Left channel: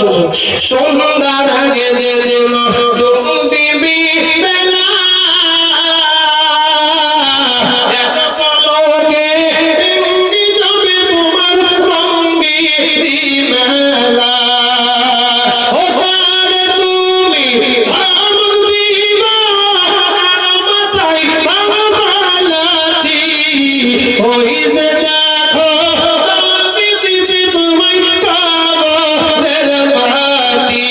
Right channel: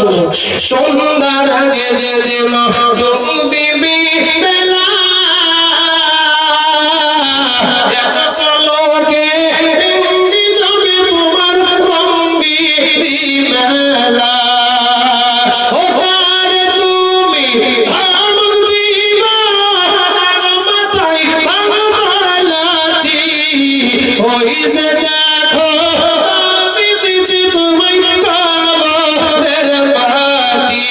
শুনি সন্ধ্যার আগে যে বিবি বেলা পলকে পিণ্ডি যাবে তোমার রঙ্গিনী মেলা ও ঘরে তুমি ধমক দিবা আর মাথায় ভাঙা লাঠি ওই যে দেখো পিতেছি তোমায় কবরের মাটি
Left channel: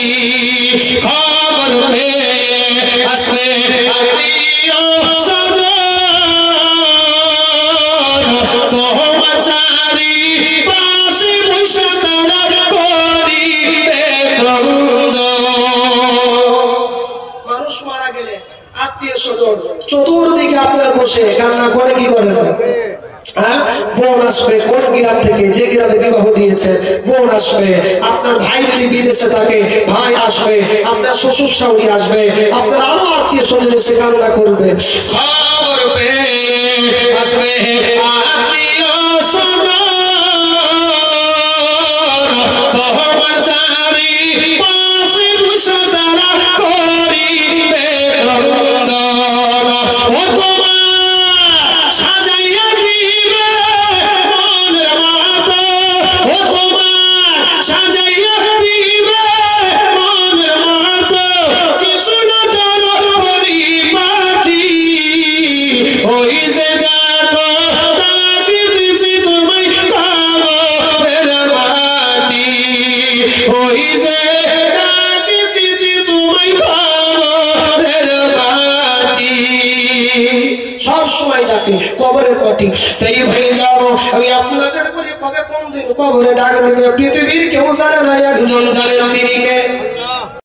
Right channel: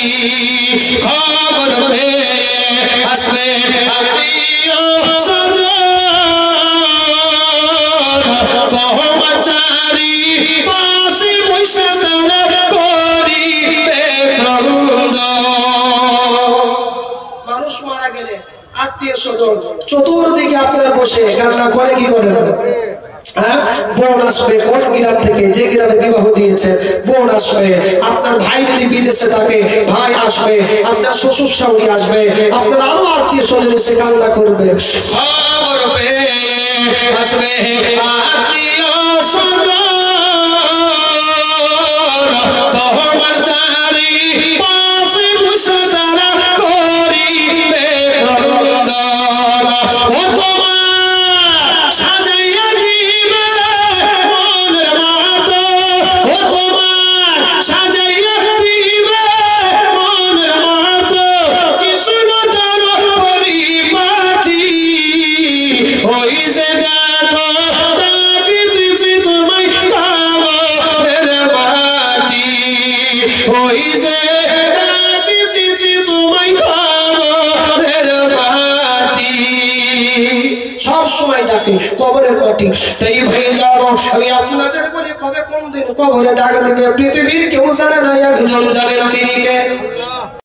খবর পেয়ে আসবে আত্মীয় চারি পাশে বসে তারা করিবে ক্রন্দন। মানুষ মারা গেলে আত্মীয় স্বজন চতুর্দিকে আপনার বসে কান্না করে কি করেন? বোন আসবে কোন গ্রাম থেকে, যে গ্রামে বিবাহ দিয়েছে বোন আসবে, আপনার ভাই যদি বিদেশে থাকে ভাই আসবে, আপনার শ্বশুর শাশুড়ি আসবে, আপনার আরো আত্মীয় স্বজন এসে কান্না করবে। খবর পেয়ে আসবে আত্মীয় স্বজন তোমার চারি পাশে বসে তারা করিবে ক্রন্দন। ও তোমার সাজাইয়া দিবে মনের মতো, ও তোমার সাজাইয়া দিবে মনের মতো, কৃষ্ণ তোর পরিপাটি ওই যে দেখো ডাকিতেছি তোমায় কবরের মাটি ওই যে ডাকিতেছি তোমায় কবরের মাটি সব সময় ডাকে কবরের মাটি। তাই ভাই জানো আমি আপনাদের বলি কবে কোন দিন কবরে ডাক দিবে পৃথিবীর কেউ জানে না, একজন জানেন তিনি কে?